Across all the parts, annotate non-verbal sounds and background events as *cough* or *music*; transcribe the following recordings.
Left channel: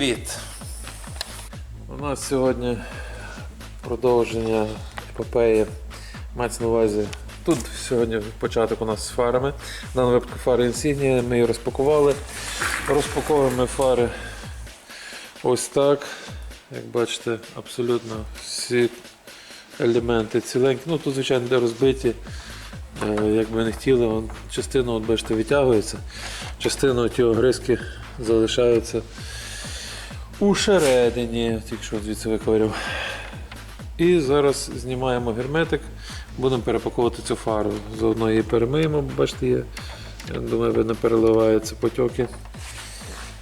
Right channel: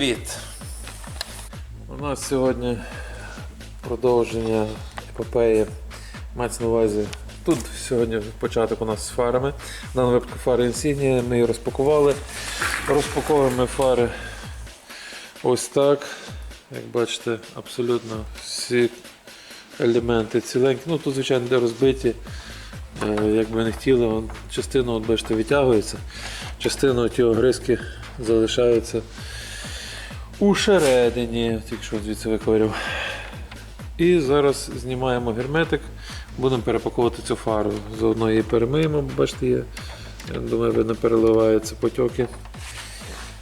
привіт! У нас сьогодні продовження епопеї. Мається на увазі. Тут сьогодні початок у нас з фарами. В даному випадку фари Insignia, ми її розпакували. Розпаковуємо фари ось так. Як бачите, абсолютно всі елементи ціленькі. Ну тут, звичайно, де розбиті. Е, Як би не хотіли, частина, от, бачите, витягується, частина ті огризки залишаються усередині, тільки звідси виковиряв. І зараз знімаємо герметик, будемо перепаковувати цю фару. Заодно її перемиємо, бачите, є. Думаю, видно, переливаються потьоки.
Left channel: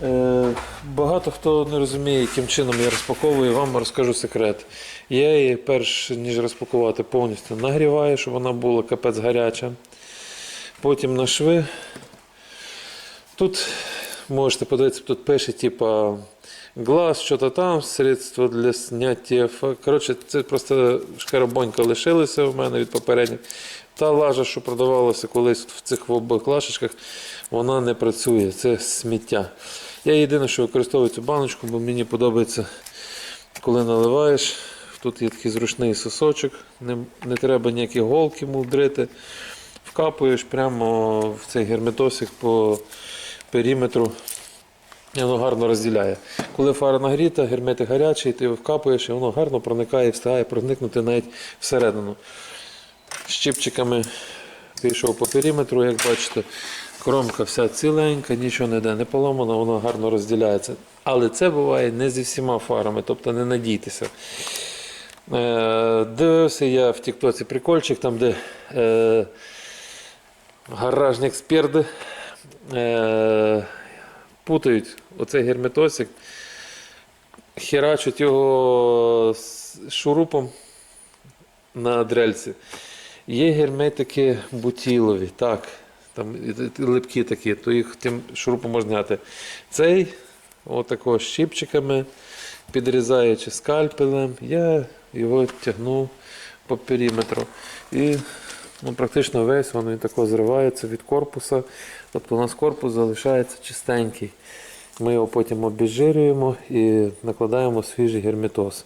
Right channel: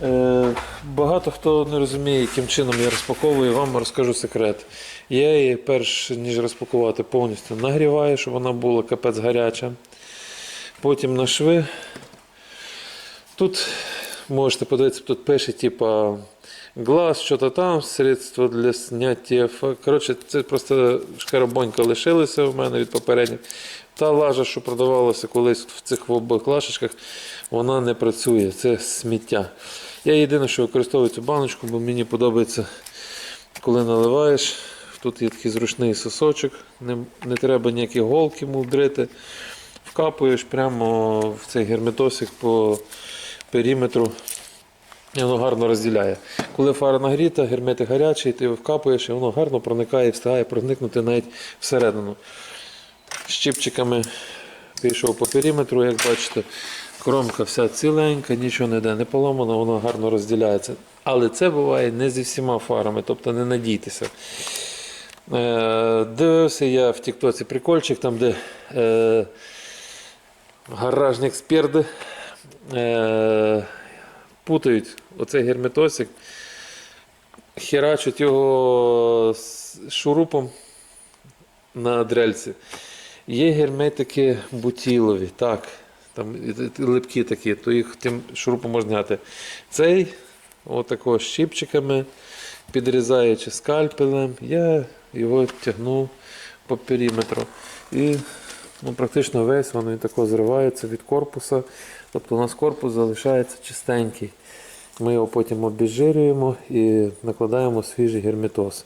Е, багато хто не розуміє, яким чином я розпаковую, вам розкажу секрет. Я її, перш ніж розпакувати, повністю нагріваю, щоб вона була капець гаряча. Потім на шви. Тут можете подивитися, тут пише, типа глаз, що-то там, средство для зняття. Коротше, це просто шкарабонька лишилася в мене від попередніх. Та лажа, що продавалася колись в цих обох лашечках, вона не працює. Це сміття. Я єдине, що використовую цю баночку, бо мені подобається, коли наливаєш. Тут є такий зручний сосочок, не, не треба ніякі голки мудрити. Вкапуєш прямо в цей герметосик по периметру. Воно гарно розділяє. Коли фара нагріта, герметик гарячий, ти його вкапуєш і воно гарно проникає і встигає проникнути навіть всередину. Щипчиками пішов по периметру, як бачите, кромка вся ціленька, нічого не йде, не поламано, воно гарно розділяється. Але це буває не зі всіма фарами, тобто не надійтеся. Е, дивився я в Тіктоці прикольчик, там, де е, гаражні експерти е, путають оцей герметосик, херачать його шурупом на дрельці. Є герметики бутілові, так, там липкі такі, то їх тим шурупом можна зняти. Цей, отако щипчиками, підрізаючи скальпелем, я його тягну по периметру. І ну, практично весь він тако зривається від корпуса. Тобто у нас корпус залишається чистенький. Ми його потім обезжирюємо і накладаємо свіжий герметоз.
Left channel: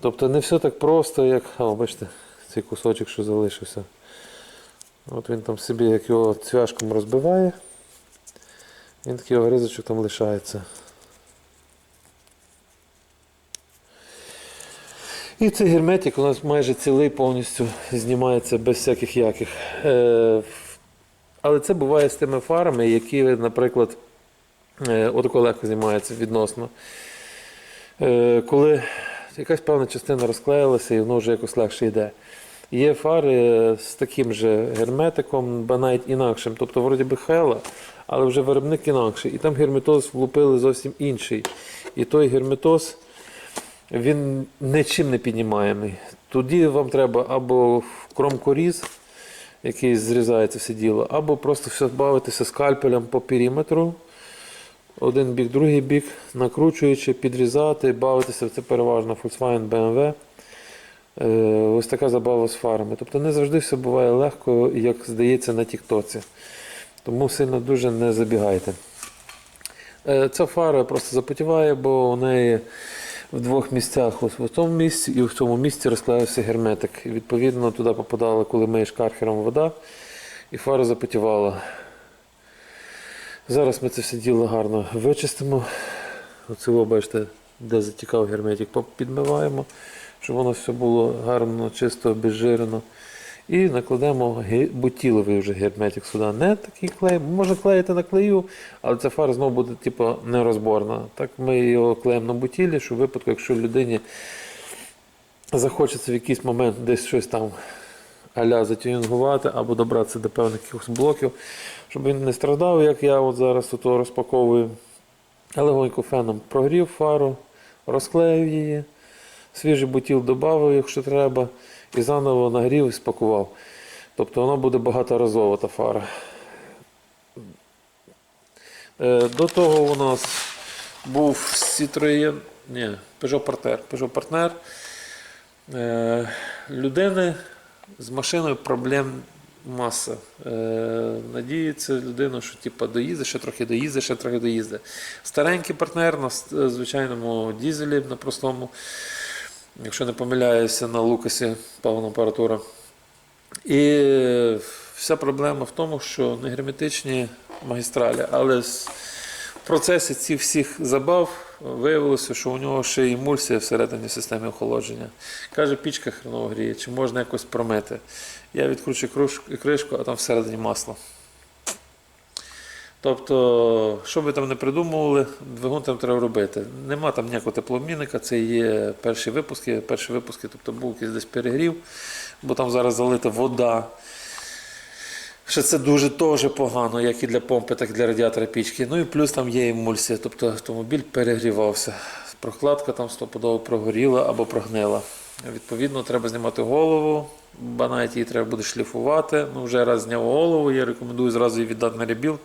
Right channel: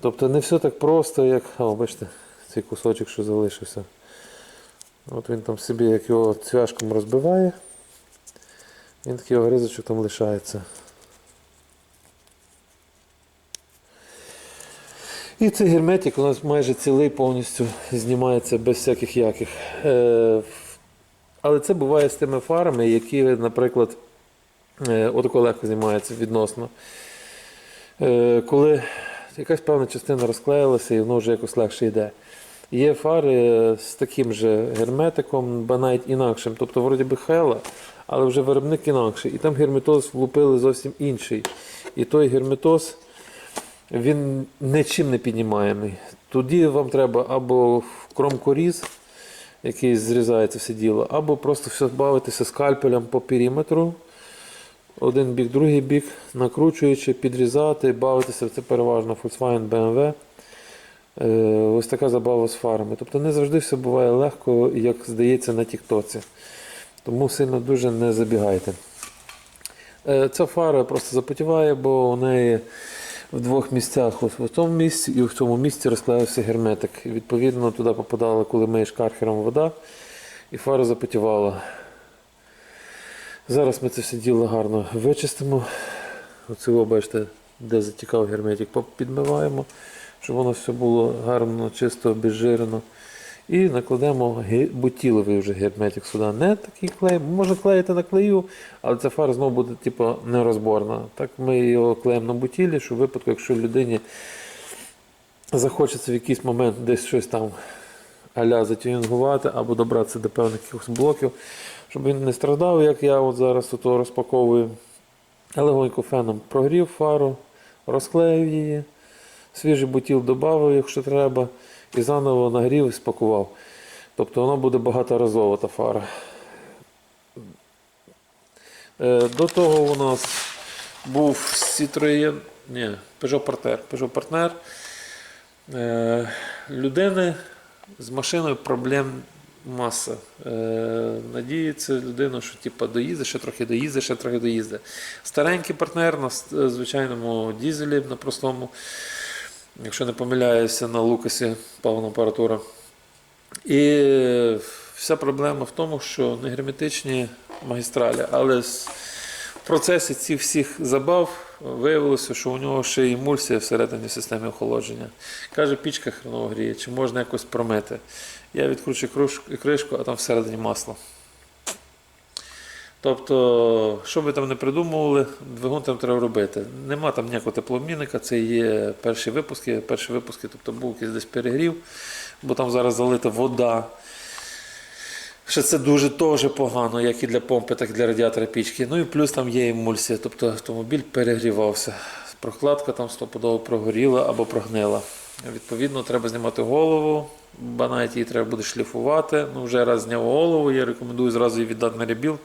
Тобто не все так просто, як. О, бачите, цей кусочок, що залишився. От він там собі, як його цвяшком розбиває, він такий огризочок там лишається. І цей герметик у нас майже цілий повністю знімається без всяких яких. Е, але це буває з тими фарами, які, наприклад, е, отако легко знімаються відносно. Е, коли якась певна частина розклеїлася і воно вже якось легше йде. Є фари з таким же герметиком, ба навіть інакшим. Тобто, вроді би хела, але вже виробник інакший. І там герметоз влупили зовсім інший. І той герметоз він нічим не піднімаємий. Тоді вам треба або кромкоріз, який зрізається все діло, або просто все бавитися скальпелем по периметру. Один бік, другий бік, накручуючи, підрізати, бавитися. Це переважно Volkswagen BMW. Е, Ось така забава з фарами. Тобто не завжди все буває легко, як здається на Тіктоці. Тому сильно дуже не забігайте. Е, Ця фара просто запотіває, бо у неї в двох місцях, ось в тому місці і в цьому місці розклеївся герметик. І відповідно туди попадала, коли миєш кархером вода, і фара запотівала. Зараз ми це все діло гарно вичистимо. Оце, бачите, де затікав герметик, підмиваємо, щоб воно все було гарно, чисто, обезжирено. І накладемо бутіловий вже герметик сюди. Не такий клей, можна клеїти на клею, але ця фара знову буде типу, нерозборна. Так ми його клеїмо на бутілі, щоб в випадку, якщо людині захочеться в якийсь момент десь щось там аля затюнінгувати або добратися до певних якихось блоків, щоб він не страждав, як я от зараз тут розпаковую. Легонько феном прогрів фару, розклеїв її, свіжий бутіл додав, якщо треба, і заново нагрів і спакував. Тобто воно буде багаторазова та фара. Е, До того у нас був Citroën, ні, Peugeot Partner. Peugeot Partner. Е, Людини з машиною проблем маса. Е, надіється людина, що типа, доїзде, ще трохи доїзде, ще трохи доїзде. Старенький партнер на звичайному дізелі, на простому, якщо не помиляюся, на Лукасі павна апаратура. І вся проблема в тому, що не герметичні магістралі, але в процесі цих всіх забав виявилося, що у нього ще й емульсія всередині системи охолодження. Каже, пічка хреново гріє, чи можна якось промити. Я відкручу кришку, а там всередині масло. Тобто, що би там не придумували, двигун там треба робити. Нема там ніякого теплообмінника, це є перші випуски, перші випуски, тобто був якийсь десь перегрів, бо там зараз залита вода. Що це дуже теж погано, як і для помпи, так і для радіатора пічки. Ну і плюс там є емульсія, тобто автомобіль перегрівався. Прокладка там стопудово прогоріла або прогнила. Відповідно, треба знімати голову, банайт її треба буде шліфувати. Ну, вже раз зняв голову, я рекомендую зразу її віддати на ребіл.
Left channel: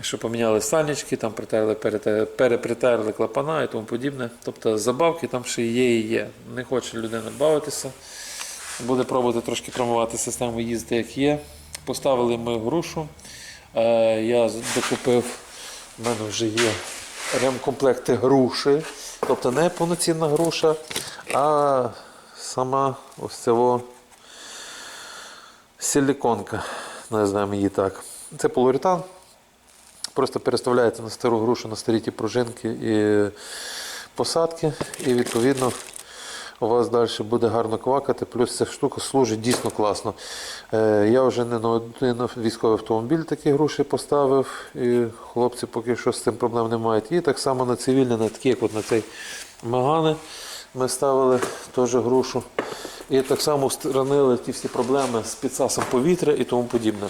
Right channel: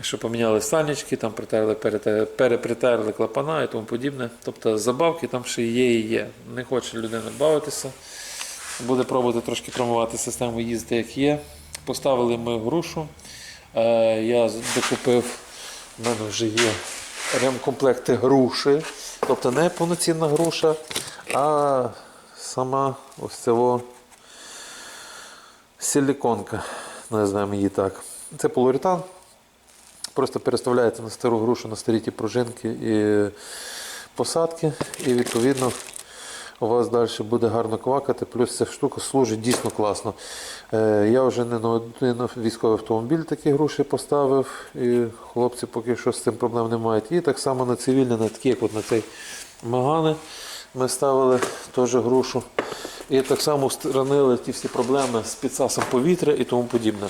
Що поміняли сальнички, там притерли, перепритерли клапана і тому подібне. Тобто забавки там ще є і є. Не хоче людина бавитися. Буде пробувати трошки промивати систему їздити, як є. Поставили ми грушу. Е, Я докупив, в мене вже є ремкомплекти груші. Тобто не повноцінна груша, а сама ось цього силіконка, називаємо її так. Це полуретан. Просто переставляється на стару грушу, на старі ті пружинки і посадки, і відповідно у вас далі буде гарно квакати. Плюс ця штука служить дійсно класно. Е, я вже не на один військовий автомобіль такі груші поставив, і хлопці поки що з цим проблем не мають. І так само на цивільні, на такі, як от на цей Магани, ми ставили теж грушу. І так само устранили ті всі проблеми з підсасом повітря і тому подібне.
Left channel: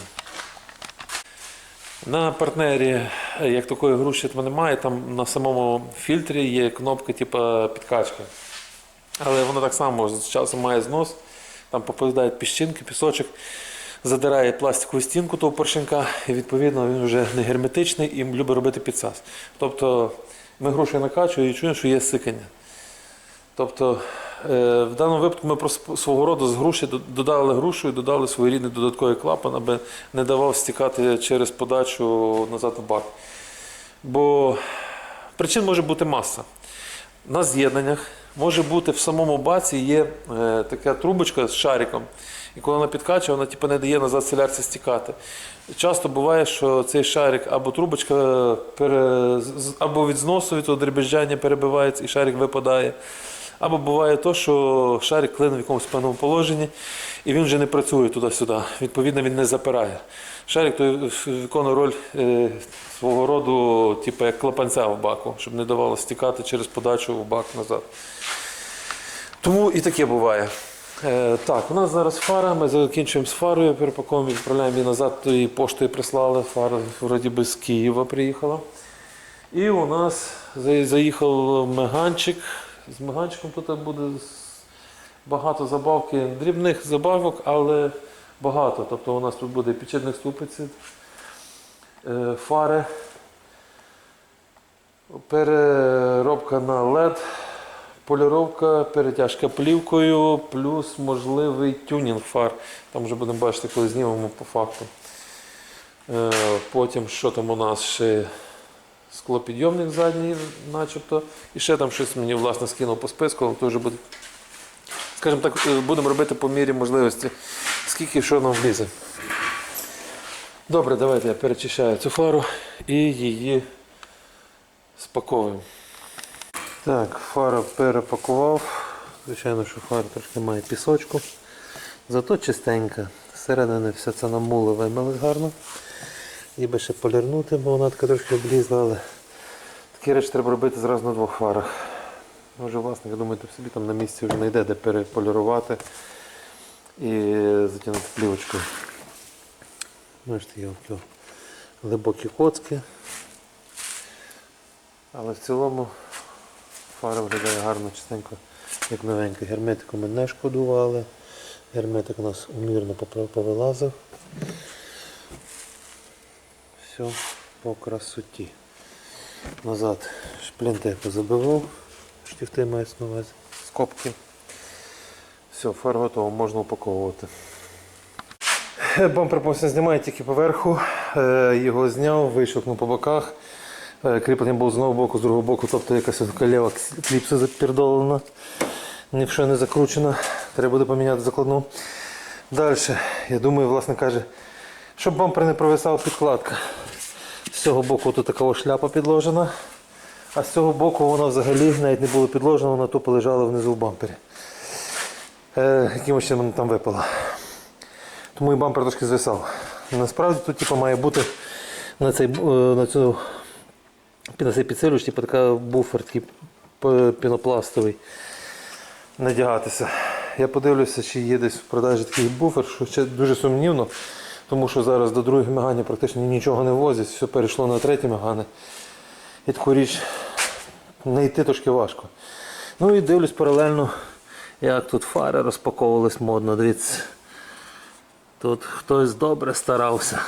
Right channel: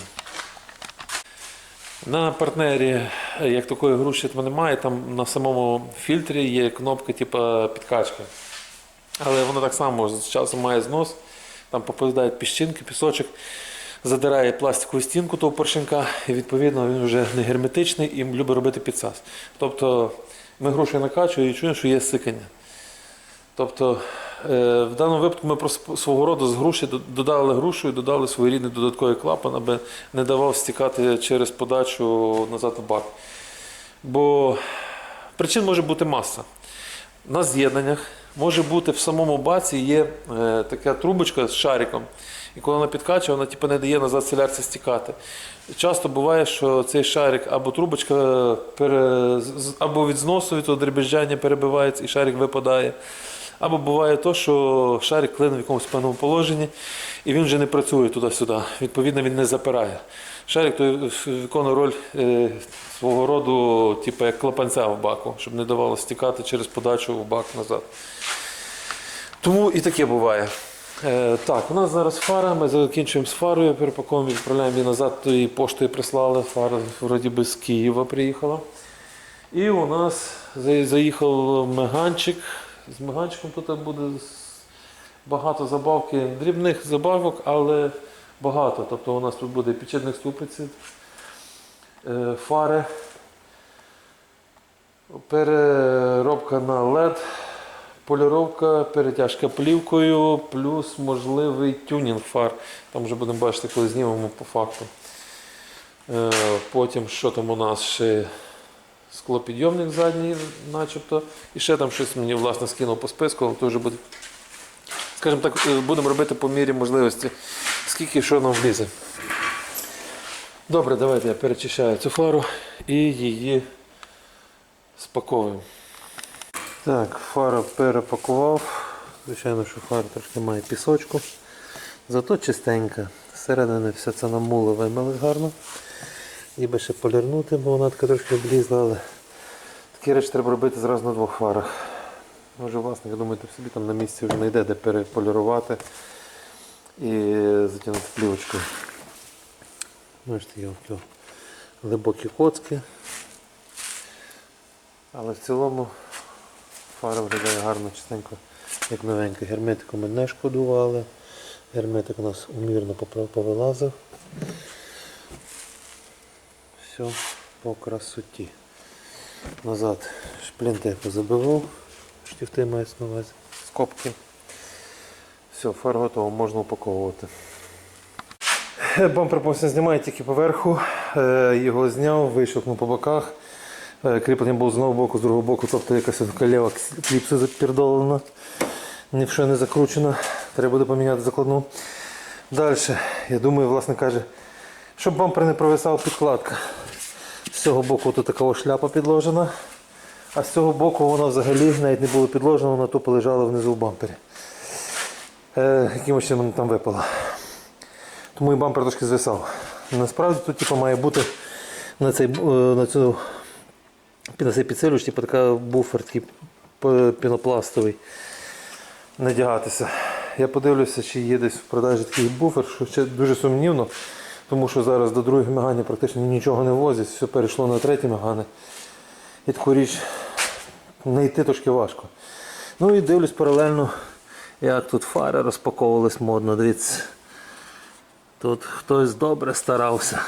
На партнері, як такої груші немає, там на самому фільтрі є кнопка типу підкачки. Але воно так само з часом має знос, там попадають піщинки, пісочок, задирає пластикову стінку того поршенка, і відповідно він вже не герметичний і любить робити підсас. Тобто ми груші накачуємо і чуємо, що є сикання. Тобто, в даному випадку ми просто свого роду з груші додали грушу і додали своєрідний додатковий клапан, аби не давав стікати через подачу назад у бак. Бо причин може бути маса. На з'єднаннях може бути в самому баці є е, така трубочка з шариком. І коли вона підкачує, вона типу, не дає назад солярці стікати. Часто буває, що цей шарик або трубочка з- або від зносу від дребезжання перебивається і шарик випадає. Або буває то, що шарик клине в якомусь певному положенні, і він вже не працює туди-сюди. Відповідно, він не запирає. Шарик той виконує роль е, свого роду, типу як клапанця в баку, щоб не давало стікати через подачу в бак назад. Тому і таке буває. Е, так, у нас зараз фара, ми закінчуємо з фарою, перепаковуємо, відправляємо її назад, то її поштою прислали. Фара вроді би з Києва приїхала. І у нас заїхав меганчик. З меганчиком тут буде багато забавки, дрібних забавок, але багато. Тобто у нас тут буде підшипник ступиці, е, фари, переробка на LED, поліровка, перетяжка плівкою, плюс можливий тюнінг фар. Там вже будемо бачити, коли знімемо по факту. Е, Потім, що там у нас ще склопідйомник задній, начебто. І ще там щось мені власне скинув по списку, але то буде. Скажімо так, е, будемо робити по мірі можливості, скільки що нам влізе. Добре, давайте я перечищаю цю фару і її спаковуємо. Так, фару перепакував. Звичайно, що фара трошки має пісочку. Зато чистенька. Зсередини все це намуло вимили гарно. Ніби ще полірнути, бо вона така трошки облізла, але такі речі треба робити зразу на двох фарах. Може, власник, я думаю, ти собі там на місці вже знайде, де переполірувати і затягнути плівочкою. Бачите, є глибокі коцки. Але в цілому фара виглядає гарно, чистенько, як новенька. Герметику ми не шкодували. Герметик у нас умірно повилазив. Все по красоті. Назад шплінти позабивав, штифти мається на увазі, скобки. Все, фар готово, можна упаковувати. Бампер повністю знімає тільки поверху. Е, Його зняв, вийшов по боках. Е, Кріплення було з одного боку, з другого боку, тобто якась калєва кліпса запердолена. Ні не закручена. Треба буде поміняти закладну. Далі, я думаю, власне каже, щоб бампер не провисав підкладка. З цього боку тут така шляпа підложена, а з цього боку вона взагалі навіть не була підложена, вона тупо лежала внизу в бампері. Е, якимось чином вона там випала. Тому і бампер трошки звисав. Насправді тут типу, має бути на цей, е, на цю, на цей підсилювач, типу, така буфер такий пінопластовий надягатися. Я подивлюся, чи є десь в продажі такий буфер, що ще дуже сумнівно, тому що зараз до другого мигання практично нічого не возять, все перейшло на третє мигане. І таку річ знайти трошки важко. Ну і дивлюсь паралельно, як тут фари розпаковувались модно. Дивіться. Тут хтось добре старався.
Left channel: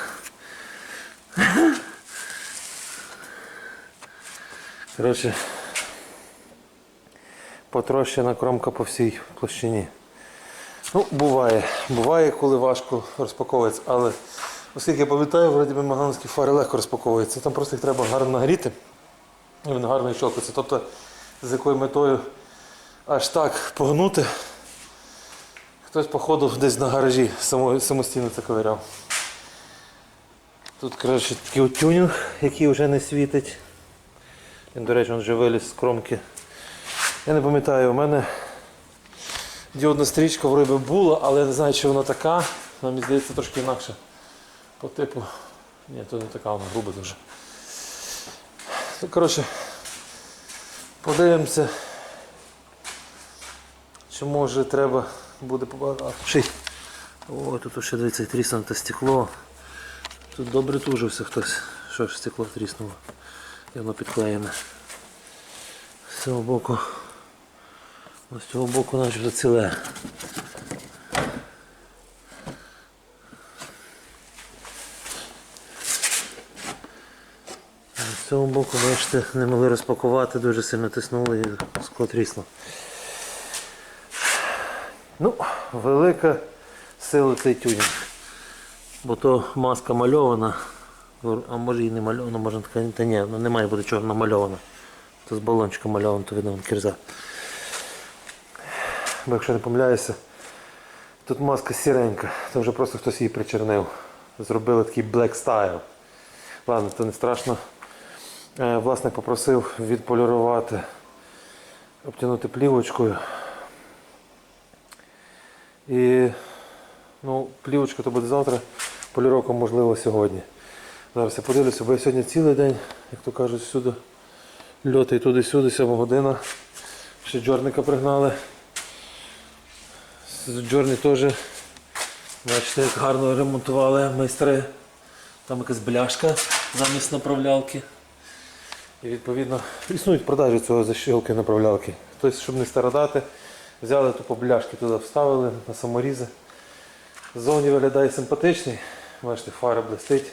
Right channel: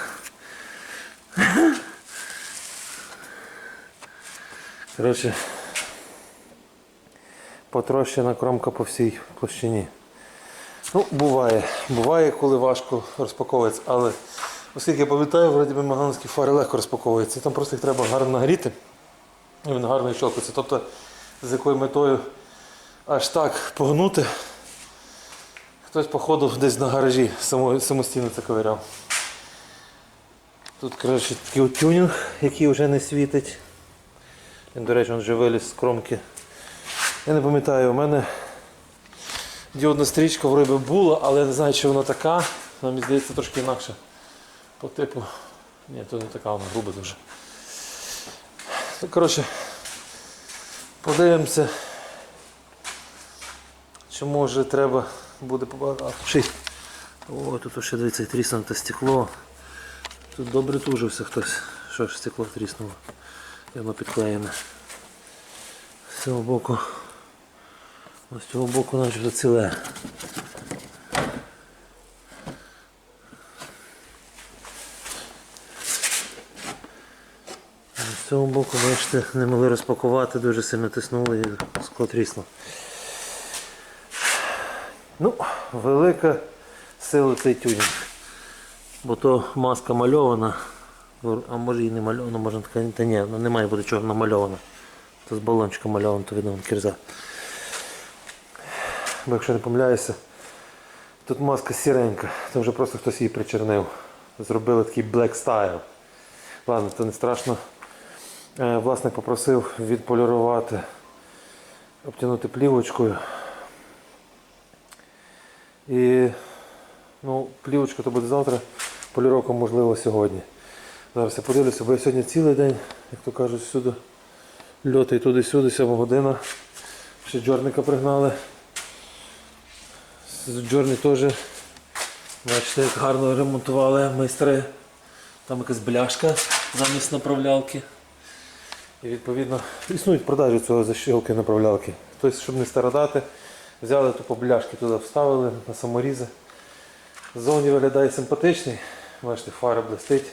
Коротше, потрощена кромка по всій площині. Ну, буває. Буває, коли важко розпаковується, але оскільки я пам'ятаю, вроді би маганські фари легко розпаковуються. Там просто їх треба гарно нагріти. І він гарно щелкається. Тобто, з якою метою аж так погнути. Хтось, походу, десь на гаражі самостійно це ковиряв. Тут, коротше, такий тюнінг, який вже не світить. Він, до речі, він вже виліз з кромки. Я не пам'ятаю, у мене діодна стрічка вроде би була, але я не знаю, чи вона така. Мені здається, трошки інакше. По типу. Ні, то не така, вона груба дуже. Ну, коротше, подивимося. Чи може треба буде побагато. О, тут ще дивіться, тріснуте стекло. Тут добре тужився хтось. Що ж стекло тріснуло. І воно підклеєне. З цього боку. З цього боку начебто ціле. А З цього боку, бачите, не могли розпакувати, дуже сильно тиснули і скло трісло. Ну, велика сила цей тюнінг. Бо то маска мальована, а може і не мальована, може така, та ні, ну, не має бути чорно мальована. То з балончика мальована, то видно кірза. Бо якщо не помиляюся, тут маска сіренька, то вже просто хтось її причернив. Зробили такий black style. Ладно, то не страшно. Е, Власник попросив відполірувати, обтягнути плівочкою. І ну, плівочка то буде завтра, поліровка можливо сьогодні. Зараз я подивлюся, бо я сьогодні цілий день, як то кажуть, всюди льоти туди-сюди, 7 година. Ще джорника пригнали. Джорні теж, бачите, як гарно ремонтували майстри. Там якась бляшка замість направлялки. І відповідно існують продажі цього защілки направлялки. Тобто, щоб не стародати, взяли тупо бляшки туди вставили на саморізи. Ззовні виглядає симпатичний, бачите, фара блистить.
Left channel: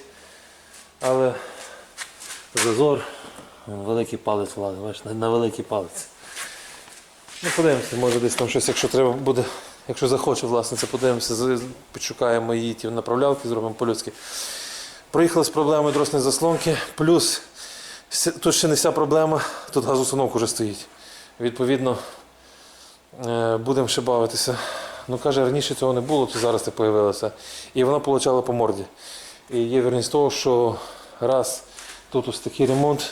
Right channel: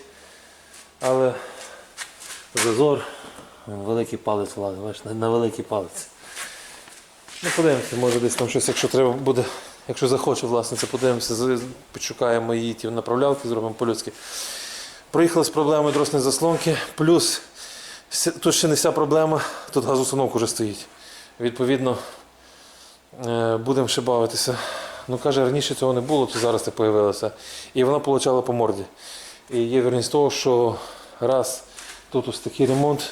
Але зазор, великий палець влазить, бачите, на великий палець. Ну, подивимося, може десь там щось, якщо треба буде, якщо захоче власниця, подивимося, з- підшукаємо її ті направлялки, зробимо по-людськи. Проїхали з проблемою дросної заслонки, плюс тут ще не вся проблема, тут газоустановка вже стоїть. Відповідно, е, будемо ще бавитися. Ну, каже, раніше цього не було, то зараз це з'явилося. І вона получала по морді. І є вірність того, що раз тут ось такий ремонт,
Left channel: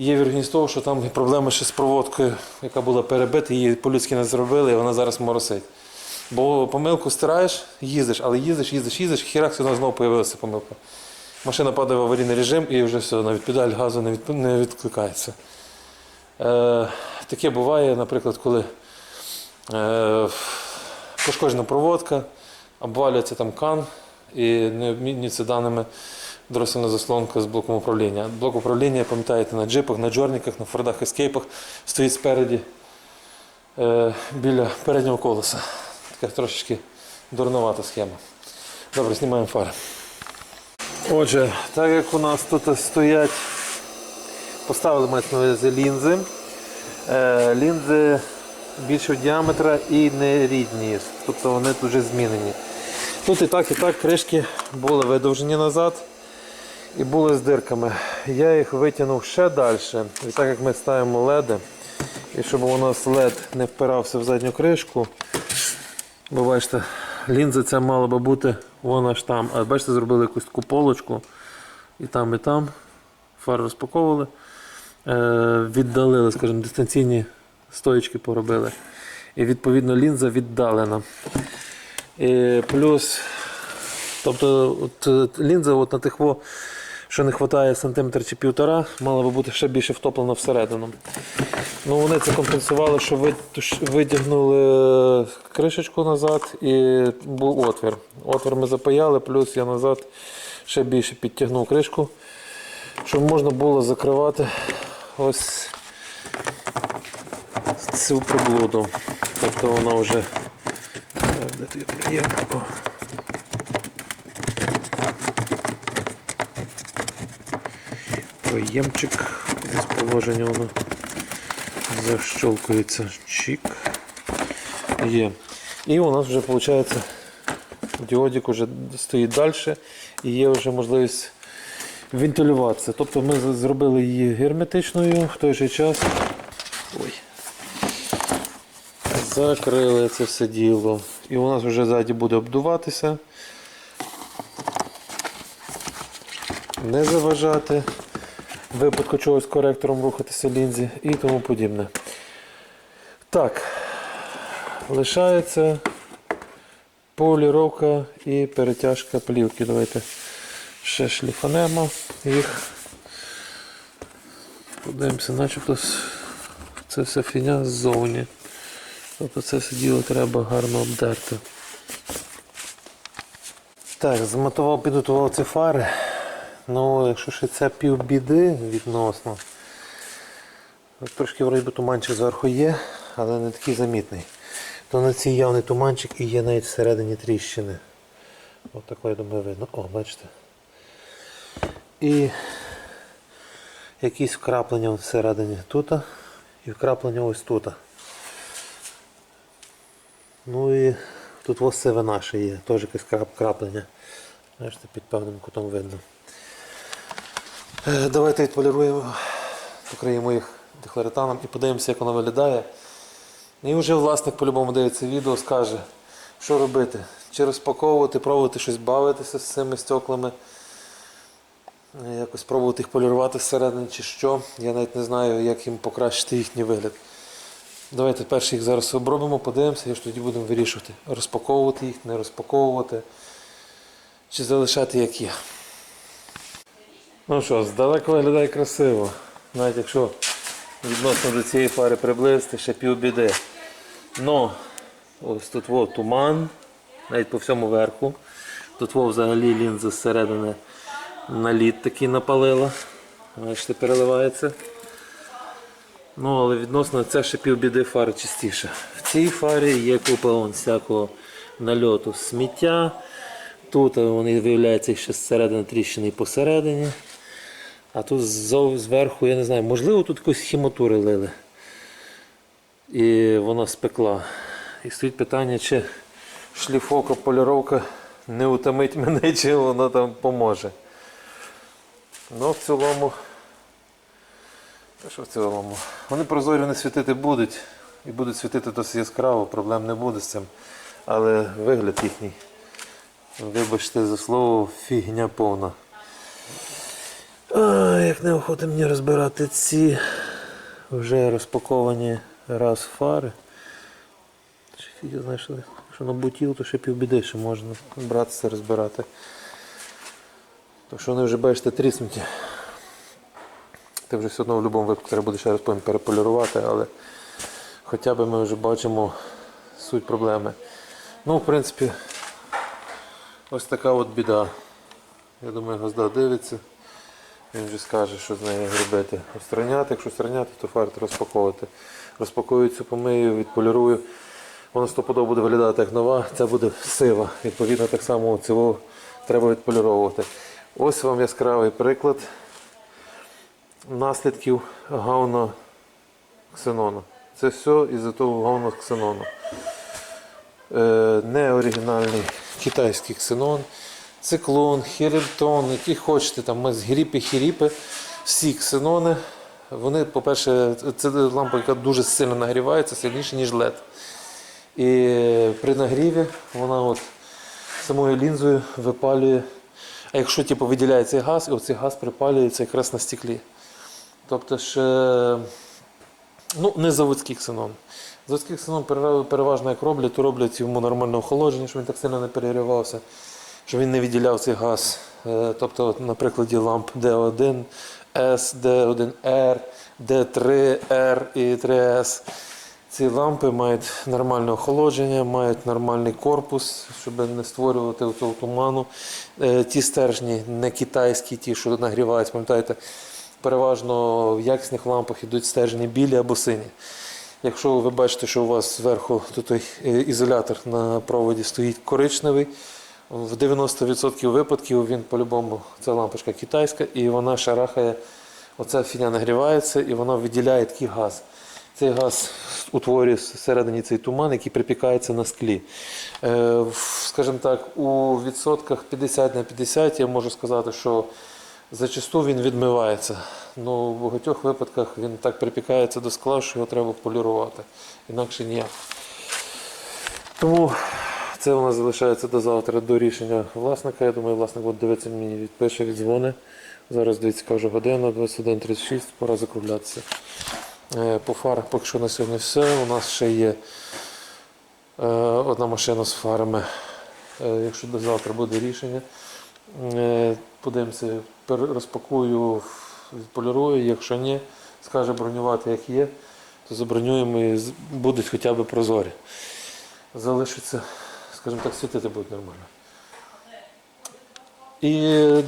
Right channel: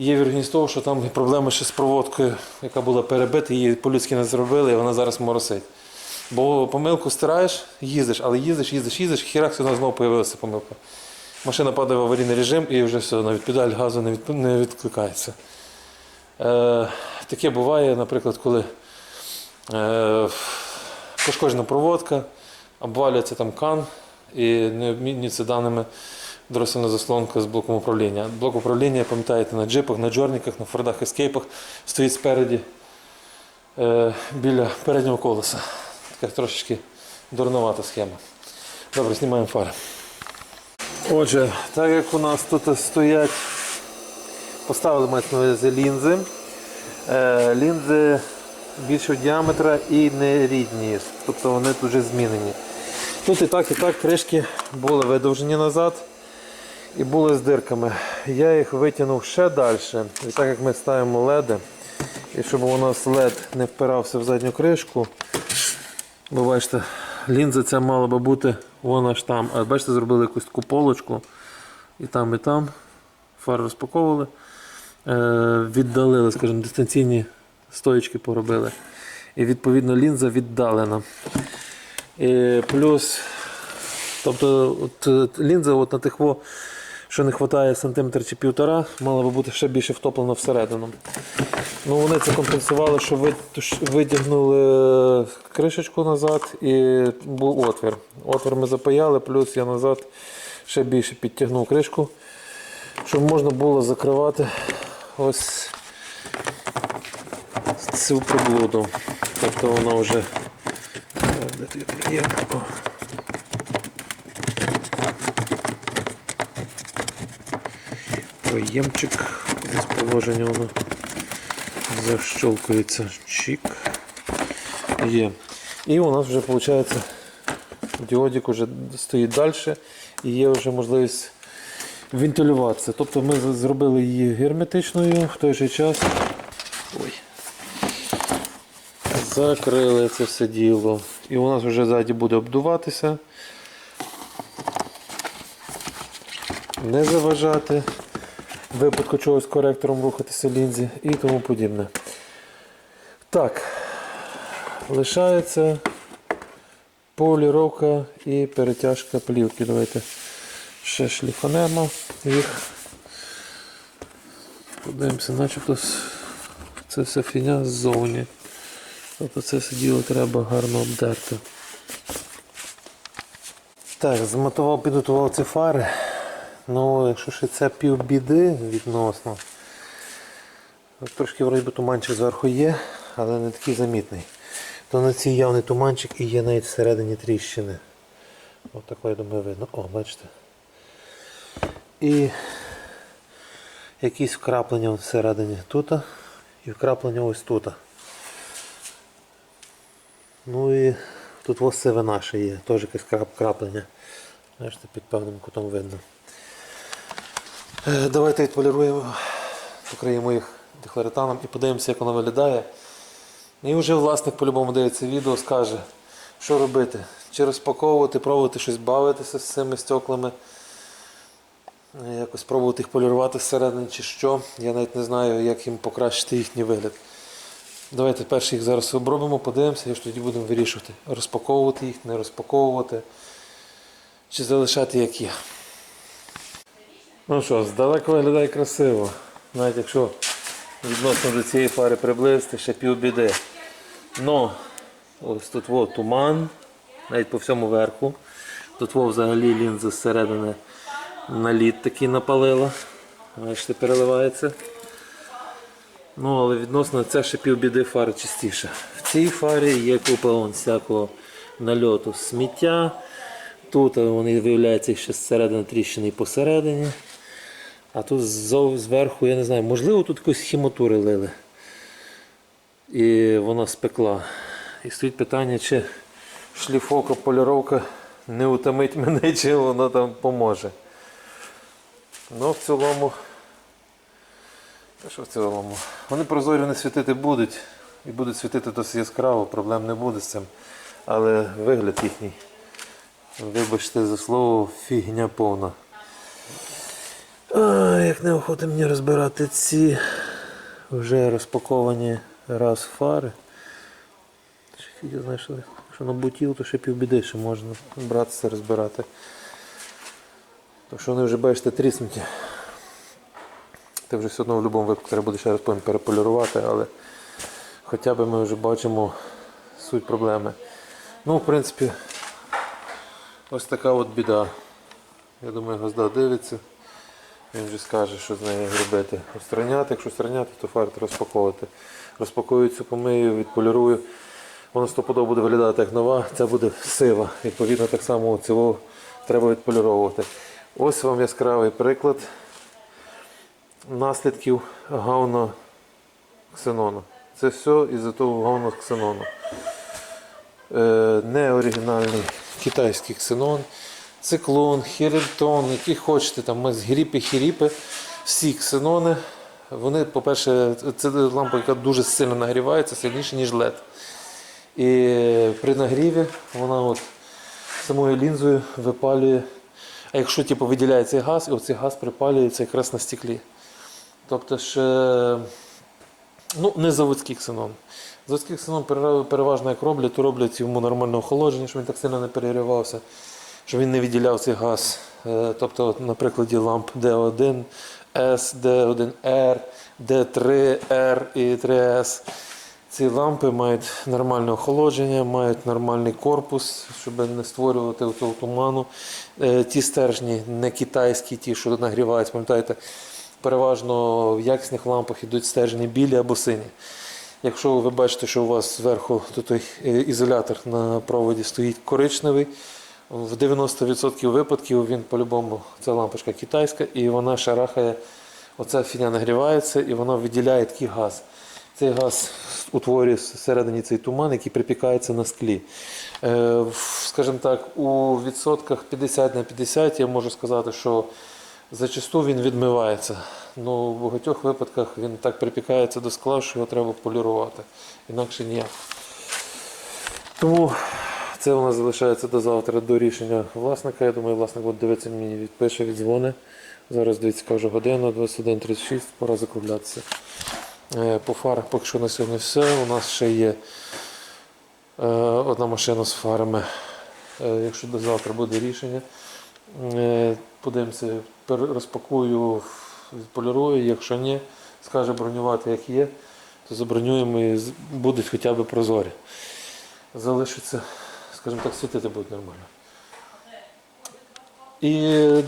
є вірність того, що там проблеми ще з проводкою, яка була перебита, її по-людськи не зробили, і вона зараз моросить. Бо помилку стираєш, їздиш, але їздиш, їздиш, їздиш, хірак вона знову з'явилася помилка. Машина падає в аварійний режим і вже все, навіть педаль газу не, від, не відкликається. Е, таке буває, наприклад, коли е, пошкоджена проводка, обвалюється там кан і не обмінюється даними дросельна заслонка з блоком управління. Блок управління, пам'ятаєте, на джипах, на джорниках, на фордах ескейпах стоїть спереді е, біля переднього колеса. Така трошечки дурновата схема. Добре, знімаємо фари. Отже, так як у нас тут стоять, поставили ми на увазі лінзи. Е, лінзи більшого діаметра і не рідні, тобто вони тут вже змінені. Тут і так, і так кришки були видовжені назад і були з дирками. Я їх витягнув ще далі. І так як ми ставимо леди, і щоб у нас лед не впирався в задню кришку, бо бачите, лінза ця мала би бути вона ж там. А бачите, зробили якусь таку полочку і там, і там. Фар розпаковували. Е, віддалили, скажімо, дистанційні стоїчки поробили. І відповідно лінза віддалена. І плюс, тобто от, е, лінза от на тих, що не вистачає сантиметр чи півтора, мала би бути ще більше втоплена всередину. Ну, вони це компенсували, що ви- ш- видягнули кришечку назад і був отвір. Отвір ми запаяли, плюс я назад ще більше підтягнув кришку, щоб можна було закривати ось цю приблуду. Тобто вона вже. Так, Де тут є? Проємчик з положення воно защелкується. Чик. Є. І у нас вже виходить діодик вже стоїть далі і є вже можливість вентилюватися. Тобто ми зробили її герметичною в той же час. Ой. Закрили це все діло. І у нас вже ззаді буде обдуватися. Не заважати. Випадку чогось коректором рухатися лінзі і тому подібне. Так, лишається поліровка і перетяжка плівки. Давайте ще шліфанемо їх. Подивимося, начебто це все фіня ззовні. Тобто це все діло треба гарно обдерти. Так, змотував, підготував ці фари. Ну, якщо ще це півбіди відносно. Трошки вроді туманчик зверху є, але не такий замітний. То на цій явний туманчик і є навіть всередині тріщини. Ось тако, я думаю, видно. О, бачите. І якісь вкраплення всередині тут і вкраплення ось тут. Ну і тут ось сивина ще є, теж якесь краплення. Бачите, під певним кутом видно. Е, Давайте відполіруємо, покриємо їх дехлоретаном і подивимося, як воно виглядає. І вже власник по-любому дивиться відео, скаже, що робити. Чи розпаковувати, пробувати щось бавитися з цими стеклами. Е, Якось пробувати їх полірувати всередині чи що. Я навіть не знаю, як їм покращити їхній вигляд. Давайте перше їх зараз обробимо, подивимося, і ж тоді будемо вирішувати, розпаковувати їх, не розпаковувати, чи залишати як є. Ну що, здалеку виглядає красиво. Навіть якщо відносно до цієї фари приблизити, ще півбіди. Ну, ось тут во, туман, навіть по всьому верху. Тут во, взагалі лінза зсередини наліт такий напалила. Бачите, переливається. Ну, але відносно це ще півбіди фари чистіше. В цій фарі є купа вон, всякого нальоту сміття. Тут вони виявляються ще зсередини тріщини посередині. А тут зверху, я не знаю, можливо, тут якусь хімотури лили. І вона спекла. І стоїть питання, чи шліфовка, поліровка не утомить мене, *laughs* чи вона там поможе. Ну, в цілому. Що в цілому? Вони прозорі не світити будуть. І будуть світити досить яскраво, проблем не буде з цим. Але вигляд їхній. Вибачте за слово, фігня повна. А, як неохота мені розбирати ці вже розпаковані раз фари. Я знаю, що на бутіл, то ще півбіди ще можна братися розбирати. Тому що вони вже бачите тріснуті. Ти вже все одно в будь-якому випадку треба буде ще раз переполірувати, але хоча б ми вже бачимо суть проблеми. Ну, в принципі, ось така от біда. Я думаю, Газда дивиться. Він вже скаже, що з нею робити. Устраняти, якщо устраняти, то фарт розпаковувати. Розпакую цю помию, відполірую. Воно стопудово буде виглядати як нова, ця буде сива. Відповідно, так само цього треба відполіровувати. Ось вам яскравий приклад наслідків гавна ксенону. Це все із-за того гавна ксенону. Е, не оригінальний китайський ксенон, циклон, хірельтон, які хочете, там гріпи, хіріпи, всі ксенони. Вони, по-перше, це лампа, яка дуже сильно нагрівається, сильніше, ніж LED. І при нагріві вона от самою лінзою випалює. А якщо типу, виділяє цей газ, і оцей газ припалюється якраз на стеклі. Тобто ще ну, не заводський ксенон. Заводський ксенон переважно як роблять, то роблять йому нормальне охолодження, щоб він так сильно не перегрівався, щоб він не виділяв цей газ. Е, Тобто, на прикладі ламп D1, S, D1R, D3R і 3S. Ці лампи мають нормальне охолодження, мають нормальний корпус, щоб не створювати цього туману. Е, Ті стержні не китайські, ті, що нагріваються, пам'ятаєте, переважно в якісних лампах йдуть стержні білі або сині. Якщо ви бачите, що у вас зверху тут е, ізолятор на проводі стоїть коричневий, в 90% випадків він по-любому ця лампочка китайська і вона шарахає, оця фіня нагрівається і вона виділяє такий газ. Цей газ утворює всередині цей туман, який припікається на склі. Е, Скажімо так, у відсотках 50 на 50 я можу сказати, що зачасту він відмивається. Ну, в багатьох випадках він так припікається до скла, що його треба полірувати. Інакше ніяк. Тому це у нас залишається до завтра до рішення власника. Я думаю, власник буде дивитися мені, відпише, віддзвони. Зараз дивіться, яка вже година, 21.36, пора закруглятися. Е, По фарах поки що на сьогодні все. У нас ще є е, одна машина з фарами. Е, Якщо до завтра буде рішення, подивимося, розпакую, відполірую. Якщо ні, скаже бронювати як є, то забронюємо і будуть хоча б прозорі. Залишиться, скажімо так, світити будуть нормально. І,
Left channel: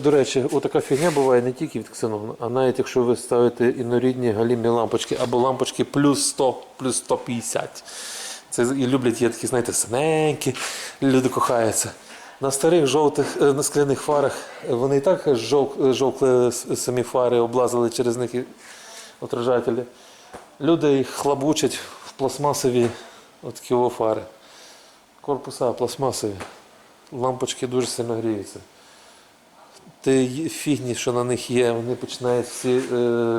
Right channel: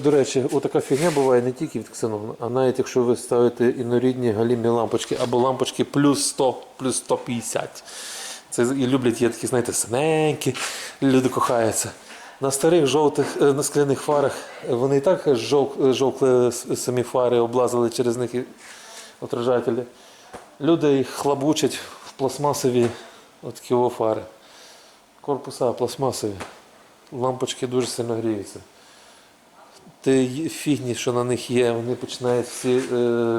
до речі, отака фігня буває не тільки від ксенону, а навіть якщо ви ставите інорідні галімі лампочки або лампочки плюс 100, плюс 150. Це і люблять є такі, знаєте, синенькі, люди кохаються. На старих жовтих е, на скляних фарах е, вони і так жов, жовкли самі фари, облазили через них отражателі. Люди їх хлабучать в пластмасові отакі фари. Корпуса пластмасові. Лампочки дуже сильно гріються. Ті фігні, що на них є, вони починають всі е,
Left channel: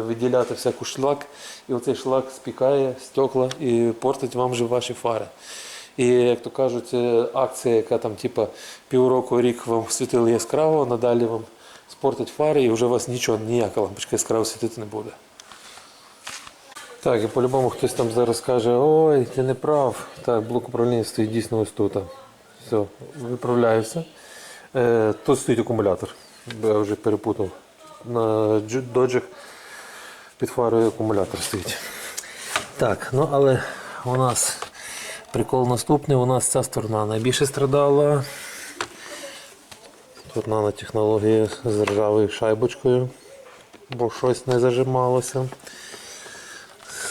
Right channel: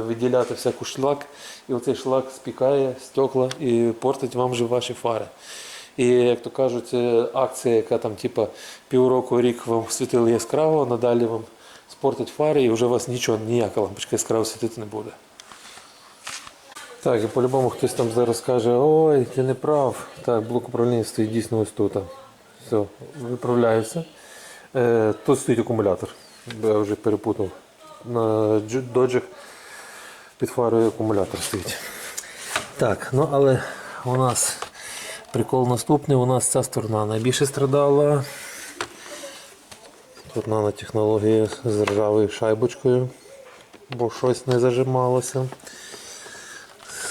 виділяти всяку шлак, і оцей шлак спікає стекла і портить вам вже ваші фари. І як то кажуть, е, акція, яка там типа півроку рік вам світили яскраво, надалі вам спортить фари і вже у вас нічого, ніяка лампочка яскраво світити не буде. Так, і по-любому хтось там зараз каже, ой, ти не прав. Так, блок управління стоїть дійсно ось тут. Все, виправляюся. Е, тут стоїть акумулятор. Я вже перепутав. На джи- доджах під фарою акумулятор стоїть. Так, ну але у нас прикол наступний, у нас ця сторона найбільше страдала. Тут нанотехнологія з ржавою шайбочкою, бо щось не зажималося.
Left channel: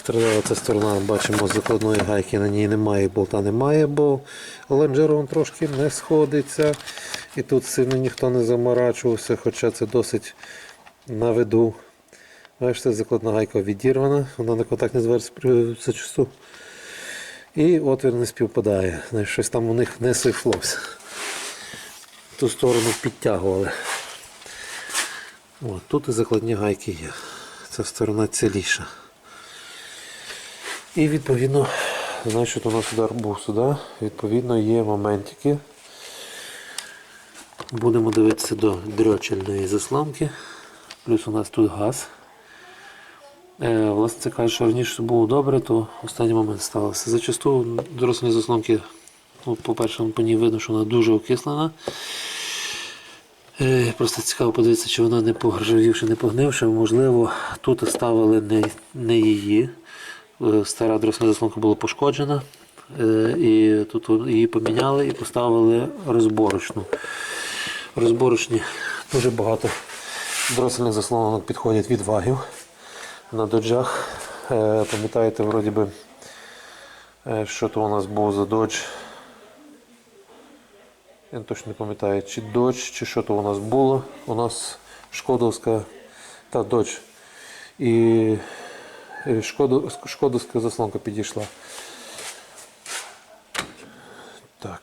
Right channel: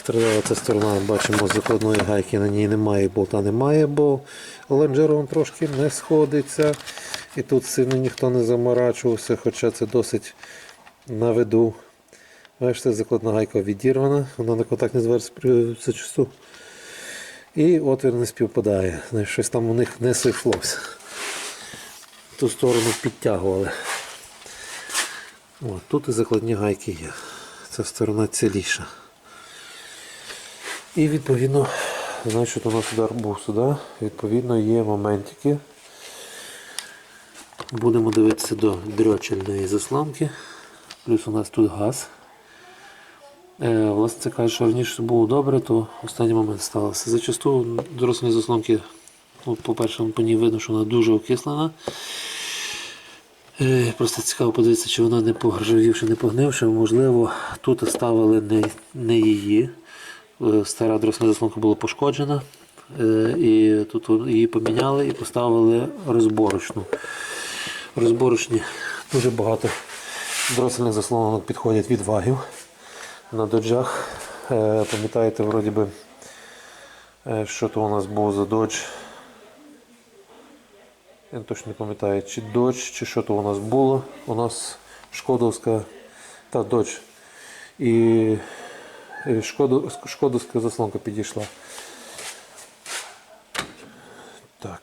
Страдала ця сторона, бачимо, закладної гайки на ній немає, болта немає, бо лонжерон трошки не сходиться. І тут сильно ніхто не заморачувався, хоча це досить на виду. Бачите, закладна гайка відірвана, вона на контакт не звернеться зачасту. І отвір не співпадає. Щось там у них не сифлося. Ту сторону підтягували. От, тут і закладні гайки є. Ця сторона ціліша. І відповідно, значить, у нас удар був сюди. Відповідно, є моментики. Будемо дивитися до дрьочельної заслонки. Плюс у нас тут газ. Е, власне, це каже, що раніше було добре, то останній момент сталося. Зачасту дорослі заслонки, ну, по-перше, по ній видно, що вона дуже окислена. Е, Просто цікаво подивитися, чи вона не погржавівши, не погнивши. Можливо, тут ставили не, не її. Е, Стара дросна заслонка була пошкоджена. Е, І тут її поміняли і поставили розборочну. Розборочні дуже багато дросельних заслонок підходять від вагів на доджах. Е, Пам'ятаєте, вроді би, що то у нас був за додж. Я точно не пам'ятаю, чи додж, чи що то у нас було. У нас шкодовська та додж. І шкоду, шкодовська заслонка підійшла. Так.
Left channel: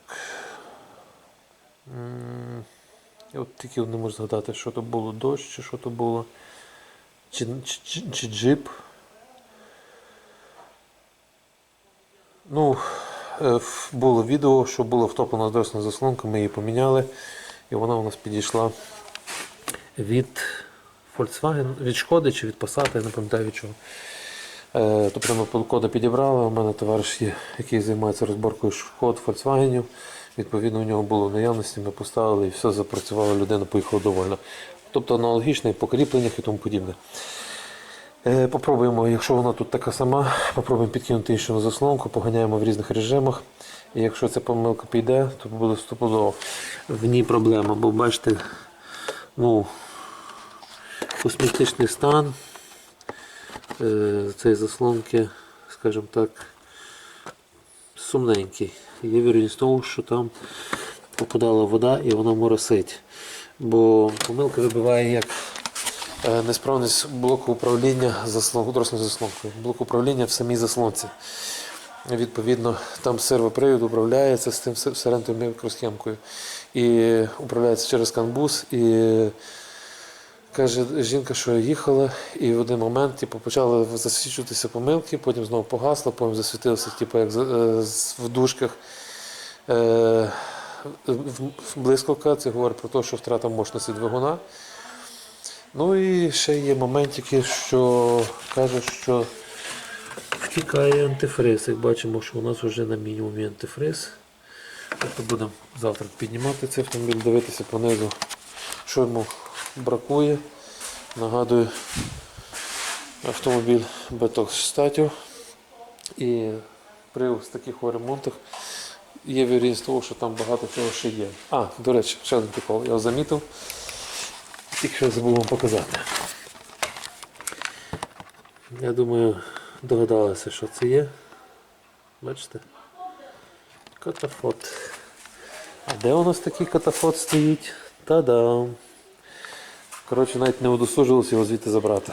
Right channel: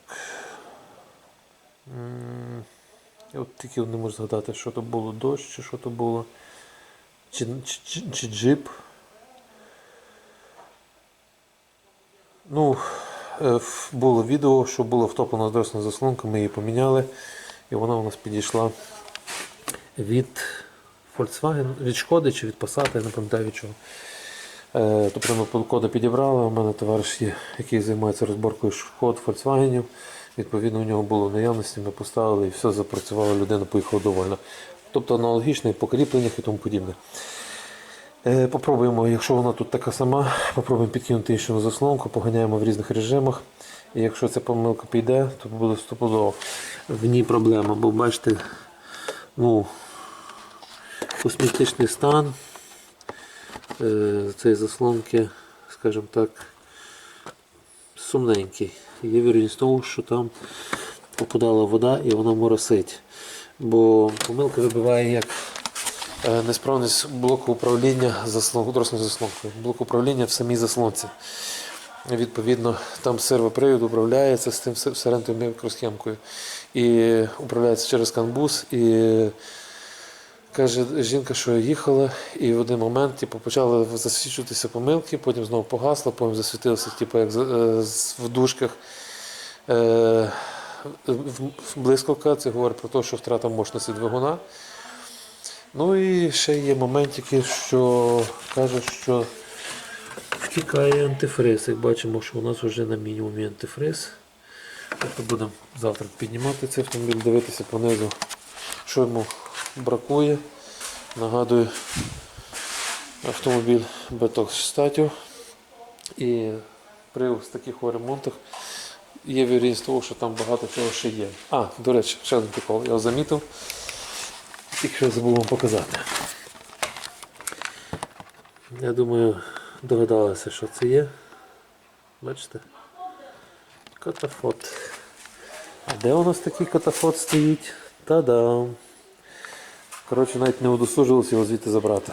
Я от тільки не можу згадати, що то було дощ, чи що то було. Чи, чи, чи, чи джип. Ну, е, було відео, що було втоплена дросна заслонка, ми її поміняли, і вона у нас підійшла від Volkswagen, від Шкоди чи від Passat, я не пам'ятаю від чого. Е, Тобто ми полкода підібрали. У мене товариш є, який займається розборкою шкод Volkswagen. Відповідно, у нього було в наявності, ми поставили і все запрацювало, людина поїхала довольна. Тобто аналогічне по кріпленнях і тому подібне. Е, Попробуємо, якщо вона тут така сама, попробуємо підкинути іншу заслонку, поганяємо в різних режимах. І якщо ця помилка піде, то буде стопудово. В ній проблема, бо бачите, ну, косметичний стан цієї заслонки, скажімо так, сумненький. Є вірність того, що там попадала вода і вона моросить. Бо помилка вибиває як е, несправність блоку управління дорослою заслонкою. Блок управління в самій заслонці. Відповідно, там сервопривід управляється з тим се- мікросхемкою. І управляється через канбус. І каже жінка, що їхала, і в один момент типу, почали засвічуватися помилки, потім знову погасло, потім засвітилося, типу, як е, в дужках. Е, блискавка, це говорить про те, що втрата мощності двигуна. Ну і ще є моментики, що каже, що втікає антифриз. Як бачимо, що у нас вже на мінімумі антифриз. Тобто будемо завтра піднімати цей автомобіль, дивитися понизу, що йому бракує. Нагадую, автомобіль Беток статів. І при таких ремонтах є вірність того, що там багато чого ще є. А, до речі, ще один прикол, я його замітив. Тільки що забув вам показати. Я думаю, догадалися, що це є. Бачите? Катафот. А де у нас такий катафот стоїть? Та-дам! Коротше, навіть не удосужилися його звідти забрати.